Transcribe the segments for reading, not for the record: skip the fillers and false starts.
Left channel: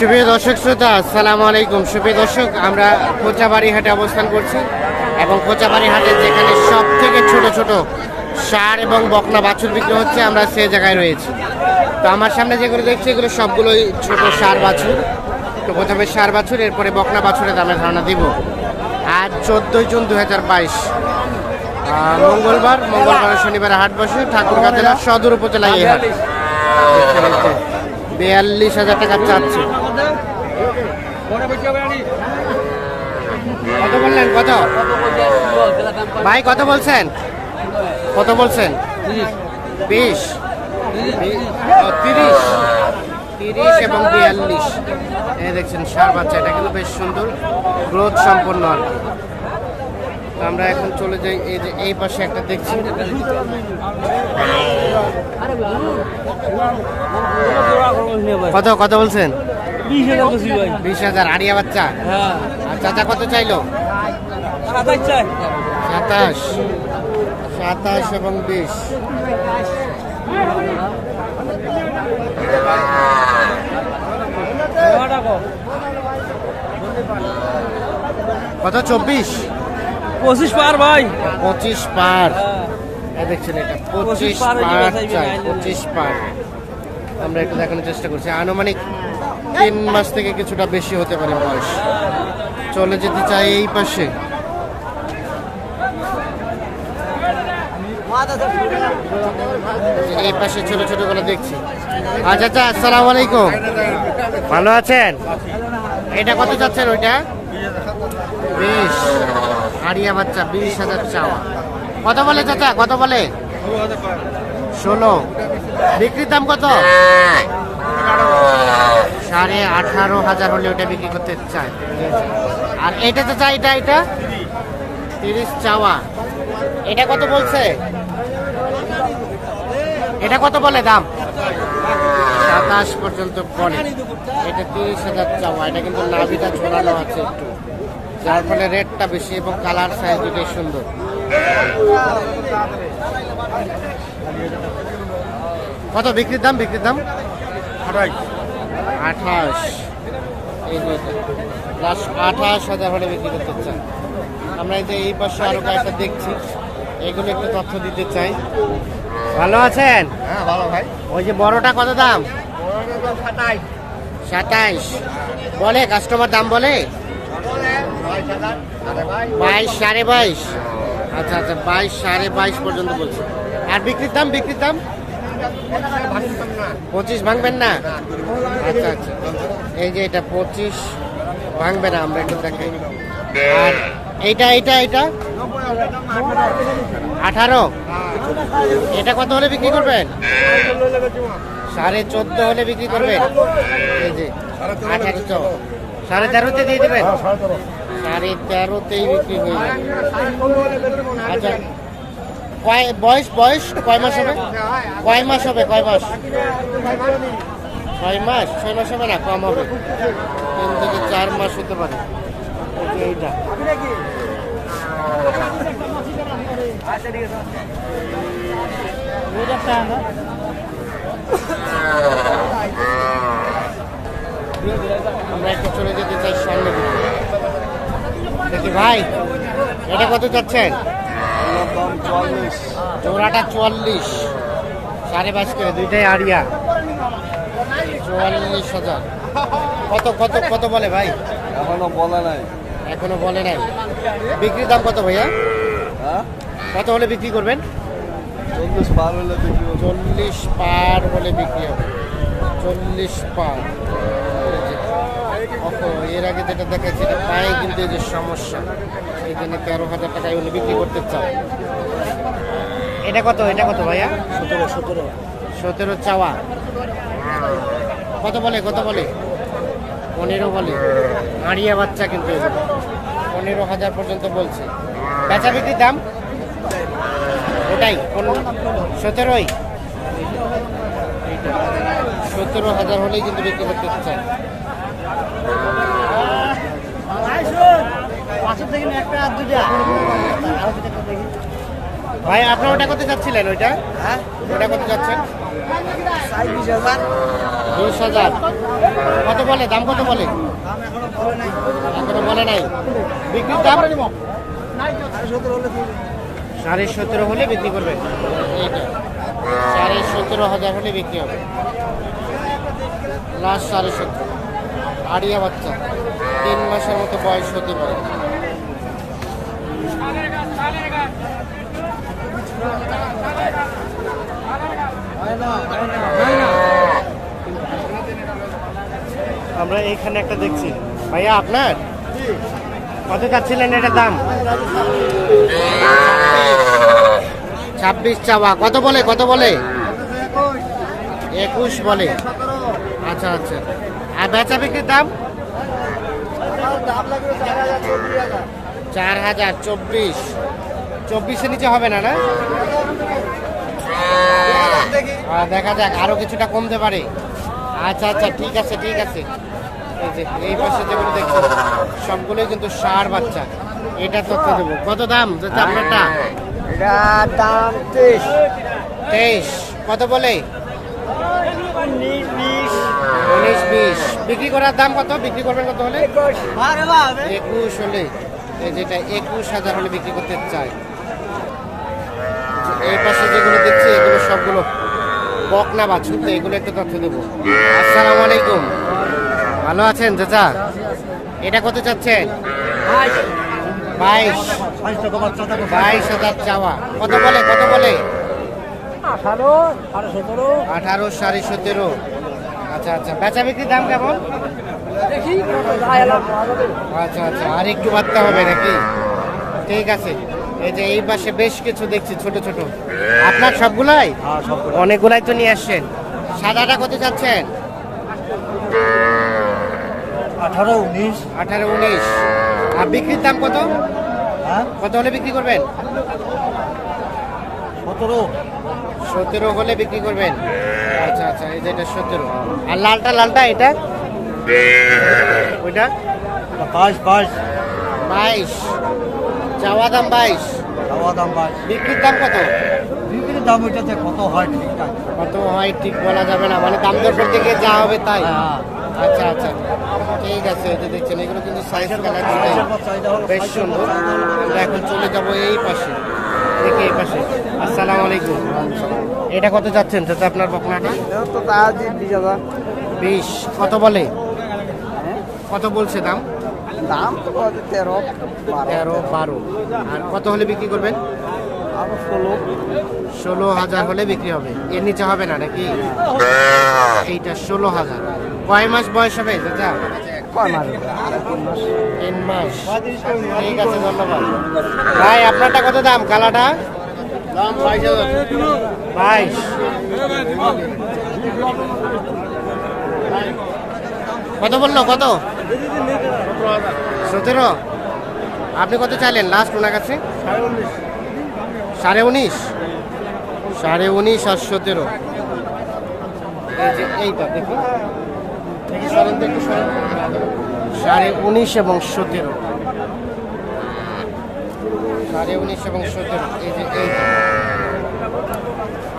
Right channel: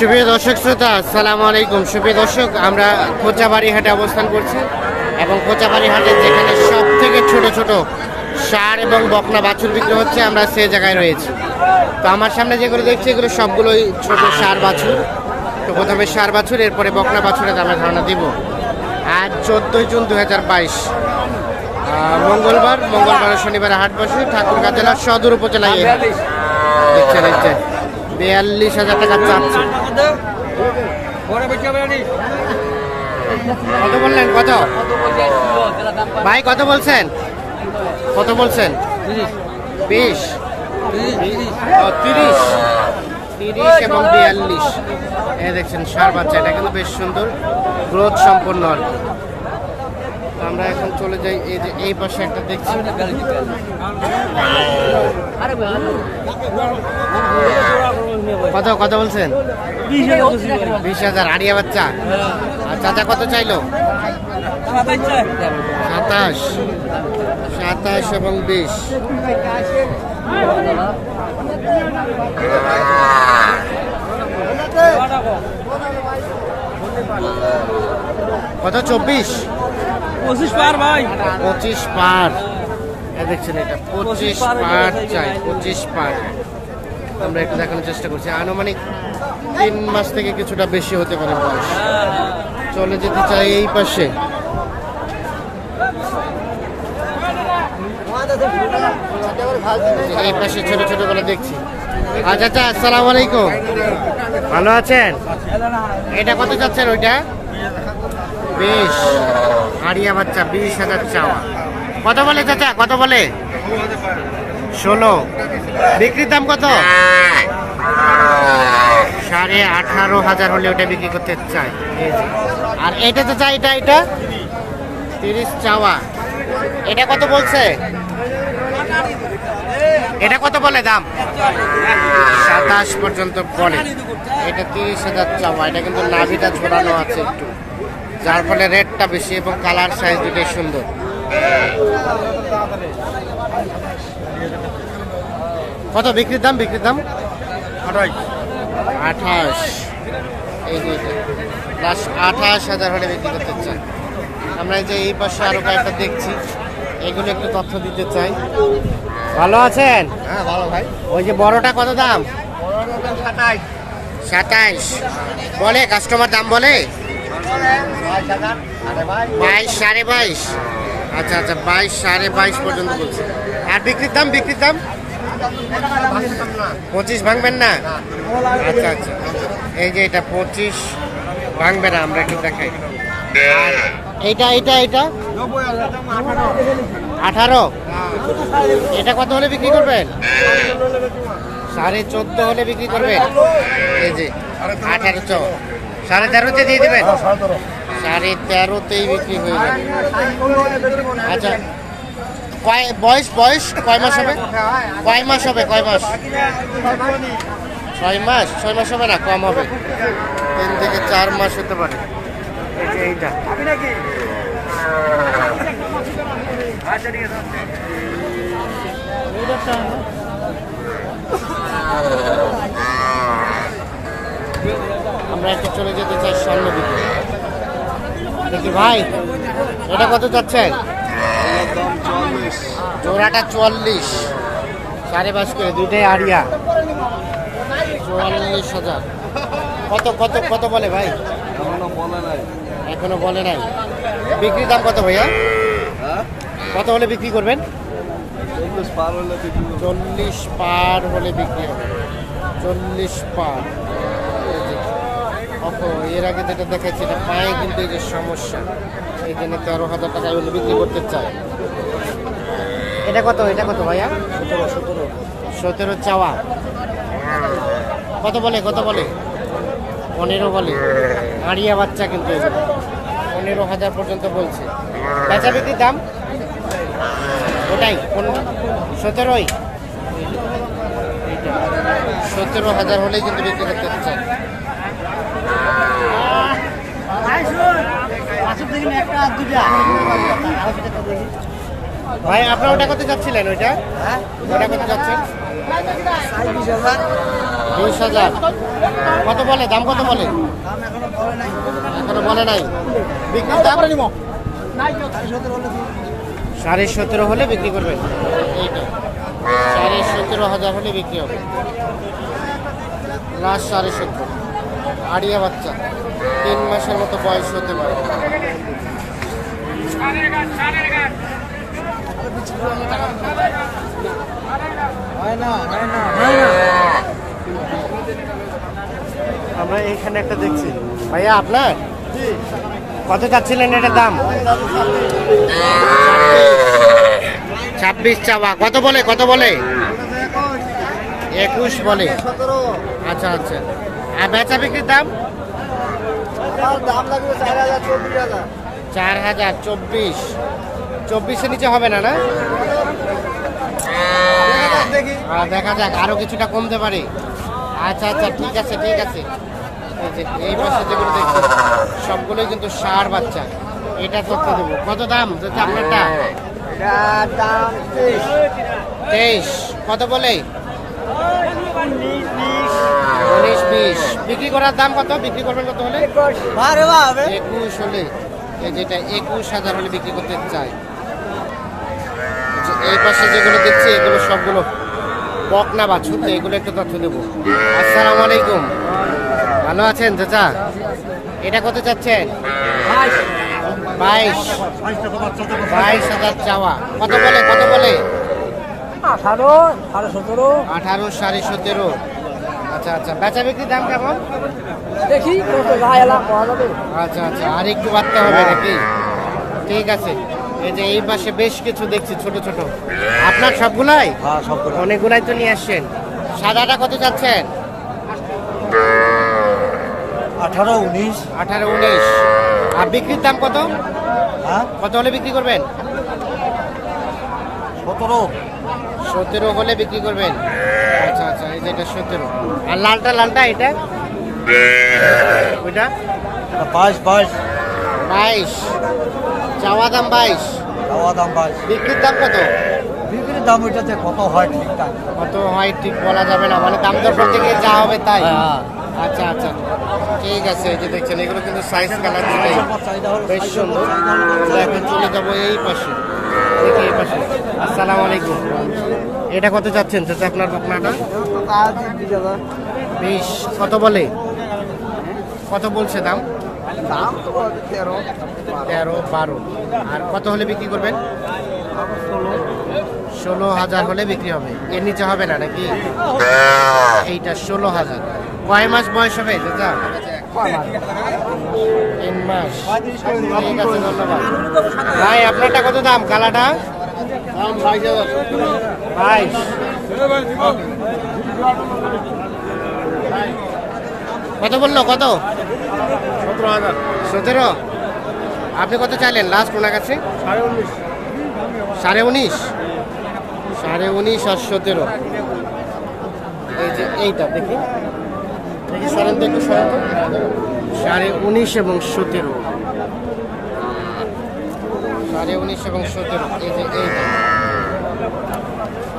সুপ্রিয় দর্শক শ্রোতা, আসসালামু আলাইকুম। সুপ্রিয় দর্শক, আমরা কোচাবাড়ি হাটে অবস্থান করছি এবং কোচাবাড়ি হাটে যেখানে সব থেকে ছোট ছোট ষাঁড় এবং বকনা বাছুর বিক্রি হচ্ছে, আমরা সেই জায়গায় রয়েছি। তো আমার সামনে যেগুলো দেখছি এগুলো সবগুলোই ছোট ষাঁড় বাছুর। তো প্রথমে ষাঁড় বাছুর, এরপরে বকনা বাছুরের দামের ধারণা দিব। আজ 14 জুন 2022 মঙ্গলবার শনিবার হাট বসে ঠাকুরগাঁ জেলার সদর উপজেলায়। দেখছেন 42,000 টাকা চাচ্ছে। কত বললেন? কত ভাই, কত বলছেন? কত বলছেন? 20, 30 এবং 42। এই দেখছেন ষাঁড় বাচ্চা, এটা কিন্তু বেশ সুন্দর গ্রোথ সম্পন্ন আর কি। আমরা এখন চলে যাই, এই যে এই পাশে একটা দেখছি। কত কত বলছেন? 20,000 আড়িয়া বাচ্চা। আর চাচা কত চাইলো? 27 এবং 20। কত? 24 পার ভাই, 25 পার। দেখছেন এটা 25 পার চাই, 25 পার। আমরা একটু দেখানোর চেষ্টা করছি। আনুমানিক 3 মাস থেকে কিছুটা বেশি হতে পারে বয়স। চলে যেতে চাই এই পাশে। এই পাশে ছোট ছোট গুলো দেখছি। আচ্ছা আচ্ছা, আসসালামু আলাইকুম, ভালো আছেন? এটা কত চাচ্ছেন? ওইটা 20 আড়িয়া বাচ্চা, 20,000 চাওয়া। কত বলে চাচা? কত বলে? 16। বিক্রির দাম কত? 18,500 হলে ওটা বিক্রি করতে চাই। আর এটা চাচা, এটা 30 চাওয়া। এটা কত বলছে? এটা কত বলে দাম? 27 পর্যন্ত বলে। এটা 30,000 চাওয়া। এটা কিন্তু নাভিটা ঝোলানো আছে একটু, যার ফলে রেটটা বেশি এবং কালার সাইজ দুটোই সুন্দর। কত বিক্রির দাম? বিক্রির দাম 28। এই যে লাস্ট 28,000 হলে বিক্রি করতে চাই। আমরা এই যে এই পাশে আরো কয়েকটা দেখছি, এগুলো একটু তথ্য দিতে চাই। ভালো আছেন? হ্যাঁ ভালো ভাই। ওই যে বড়টা কত দাম? 27 বলে কাস্টমার, দাম বলে 22, 22.5। আচ্ছা আচ্ছা, 22, 22.5 পর্যন্ত বলছে। আর বিক্রির দাম? বিক্রির দাম 25 ভাঙবেন না? আচ্ছা আচ্ছা, এই যে এটা 25 ভাঙবে না, আমরা একটু দেখাই। আর এইটা 18। এটা কত হলে বিক্রি করবেন? 14.5 হলে বিক্রি করবেন। এই যে 18 চাওয়া, 13.5-তে দিয়ে দেবেন। 13.5-তেই বিক্রি হয়ে যাবে। আচ্ছা, বয়স কয় মাস হবে? কয় মাস হবে? 6 মাস হবে না, কম হবে। 3 থেকে 4 মাস হতে পারে। এইটা আমরা একটু চলে যেতে চাই সামনে দিকে। দেখি ভাই, এটা কত চাচ্ছেন? জোড়াটা 44, 22.5 করে, দুইটাই আড়িয়া। 44,000। কত কত কত বলে ভাই? এখনো বলে নাই। বিক্রির দাম কত ভাইয়া? কত হলে বিক্রি করবেন? 40 পার হলে বিক্রি হবে। 40 পার। এর আগে যেটা দেখাচ্ছি, এটা পায়ে কিন্তু এই যে সমস্যা, এই জন্য 13,000 টাকায় হলে বিক্রি করতে চায়। এটা কত? এটা কত ভাইয়া? 17 চাওয়া। কত বলে? কত বলে? 15 বলে। আড়িয়া বাচ্চা কিন্তু 15,000 পর্যন্ত বলছে। বেচা বিক্রির দাম ওটাই 17। এইটা 17,000 হলেই কিন্তু বিক্রি করতে চায়। ভাই আপনার ওটা কত যাচ্ছিলেন? ওটা কত যাচ্ছেন? 20,000। কত বলে, দাম কত বলে? এখনো বলে নাই। বিক্রির দাম 17.5 হলে বিক্রি করবে। এইটা 17.5 হলে বিক্রি হবে। লাস্ট 17.5। আড়িয়া বাচ্চা, 3 মাসের মতো বয়স হতে পারে। আমরা এইখানে একটা দেখছি। ভাইয়া আপনার কত চাচ্ছিলেন এটার দাম? 26 চাওয়া। কত বলে, কত বলে? 21 বলে। আচ্ছা আচ্ছা। আর বেচা বিক্রির দাম? 4,000। 24 নিচে হবে না? না, দেখা যাক, আরো কিছুটা কমতে পারে। আচ্ছা আচ্ছা, ঠিক আছে ঠিক আছে। এই যে এই পাশে যেগুলো দেখছি সবগুলোই কিন্তু ষাঁড় বাচ্চা। এটা তথ্য দেবো। কত দাম যেটা আপনারটা? 23। কত বলে? 19-20। বিক্রি করার দাম কত? বিক্রি করবেন কত হলে? 21 হলে। এই যেটা 21,000 হলে বিক্রি করতে চাই। এই পাশে যেগুলো দেখছি এগুলো সবগুলো বকনা বাছুর। তো এগুলো একটু তথ্য দেবো। আসসালামু আলাইকুম, ভালো আছেন চাচা? এটা কত চাচ্ছেন? 22,000 চাওয়া। কত বলে, কত বলে? 18, 17.5। আচ্ছা আচ্ছা। বেচা বিক্রির দাম কেমন? আচ্ছা আচ্ছা, আর একটু বাড়তে হবে নাকি? ঠিক আছে। এই যে এই পাশে বেশ কিছু দেখছি ছোট ছোট। আপনার সবগুলাই? অনেকগুলাই তো নিয়ে আসছেন। সাদাটা কত চাচ্ছেন? 18-19। আর বিক্রির দাম কত? কত হলে বিক্রি করবেন? 17 হলে বিক্রি করবেন। আচ্ছা আচ্ছা, এই যে এটা 17। আর লালটা এটা ওইটা 22। চাওয়া দাম 22। বিক্রির দাম কত? বিক্রির দাম ওইটাতে কত হয় ঠিকঠাক কত হয় ঠিক বলা যাবে না, মানে দাম দর করতে গিয়ে যা হবে তাই। আচ্ছা আচ্ছা, ঠিক আছে। এই যে দেখছেন এগুলো কিন্তু সাইজ কালার দুটাই বেশ সুন্দর। আমরা এখন চলে যাবো এই পাশে। দেখি এই পাশে। আসসালামু আলাইকুম। এটা কত যাচ্ছেন চাচা আপনার বকনাটা? 20। কত বলে, কত বলছে দাম? 13-12। আর কত হলে বিক্রি করবেন? 16,000 হলে বিক্রি হবে। এর নিচে হবে না নাকি? এইটা 16,000। কয় মাস বয়স হবে চাচা? 3 মাস। ঠিক আছে, ধন্যবাদ ভাই। আপনারটা কত দাম? কালাটা 22। কত বললো? কত? 17। আপনি কত চাইলেন লাস্ট ওনার কাছে? 19.5। 19.5 আর 17। এই যে এইটা দেখি দেখি, সরেন তো একটু, সরেন তো। 19.5 এবং 17। 19.5 এবং 17। এই যে এইটা।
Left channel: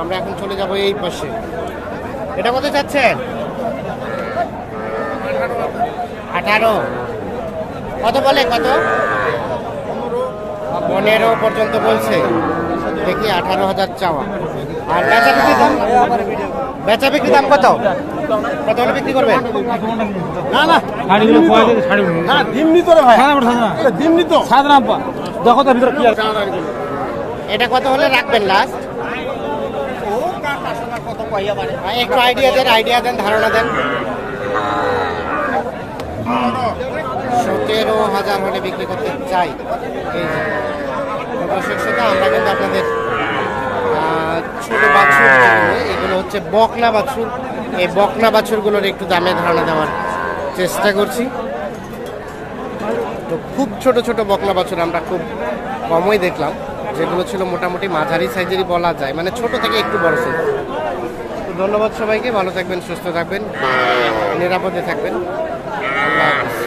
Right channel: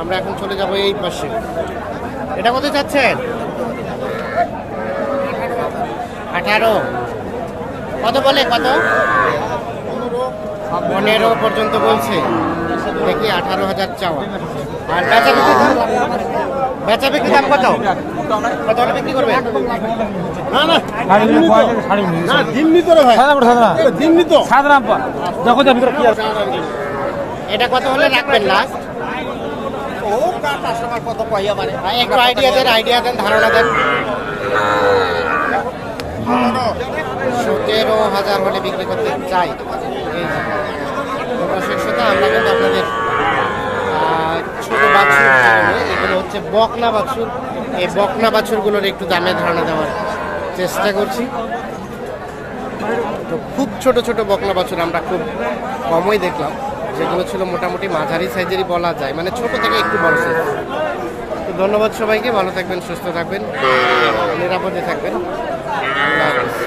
আমরা এখন চলে যাব এই পাশে। এটা কত চাচ্ছেন? 18। কত বলে, কত? 15 পর্যন্ত বলছে। দেখি 18,000 চাওয়া। আর বেচা বিক্রি দাম? বেচা বিক্রি দাম কত? কত হলে বিক্রি করবেন? এটা কত হলে রাখবেন লাস্ট? একটু আইডিয়া দেন, ধারণা দেন। 17,000 হলে বিক্রি করতে চাই। এই যে দর্শক শ্রোতা, আমরা কিন্তু আপনাদের ছোট বাছুর, এগুলো হচ্ছে বকনা বাছুর। এই বকনা বাছুরগুলোর একটু দামে ধারণা দেওয়ার চেষ্টা করছি। তো খুব ছোট ছোট বকনা বাছুর আমরা খুব কমই দেখলাম, যেগুলো ছিল মোটামুটি মাঝারি সাইজেরই বলা যায়, মানে ছোট থেকে একটু বড় সাইজ। তো ধন্যবাদ সবাইকে, ভালো থাকবেন, সুস্থ থাকবেন, নিরাপদে থাকবেন। আল্লাহ হাফেজ।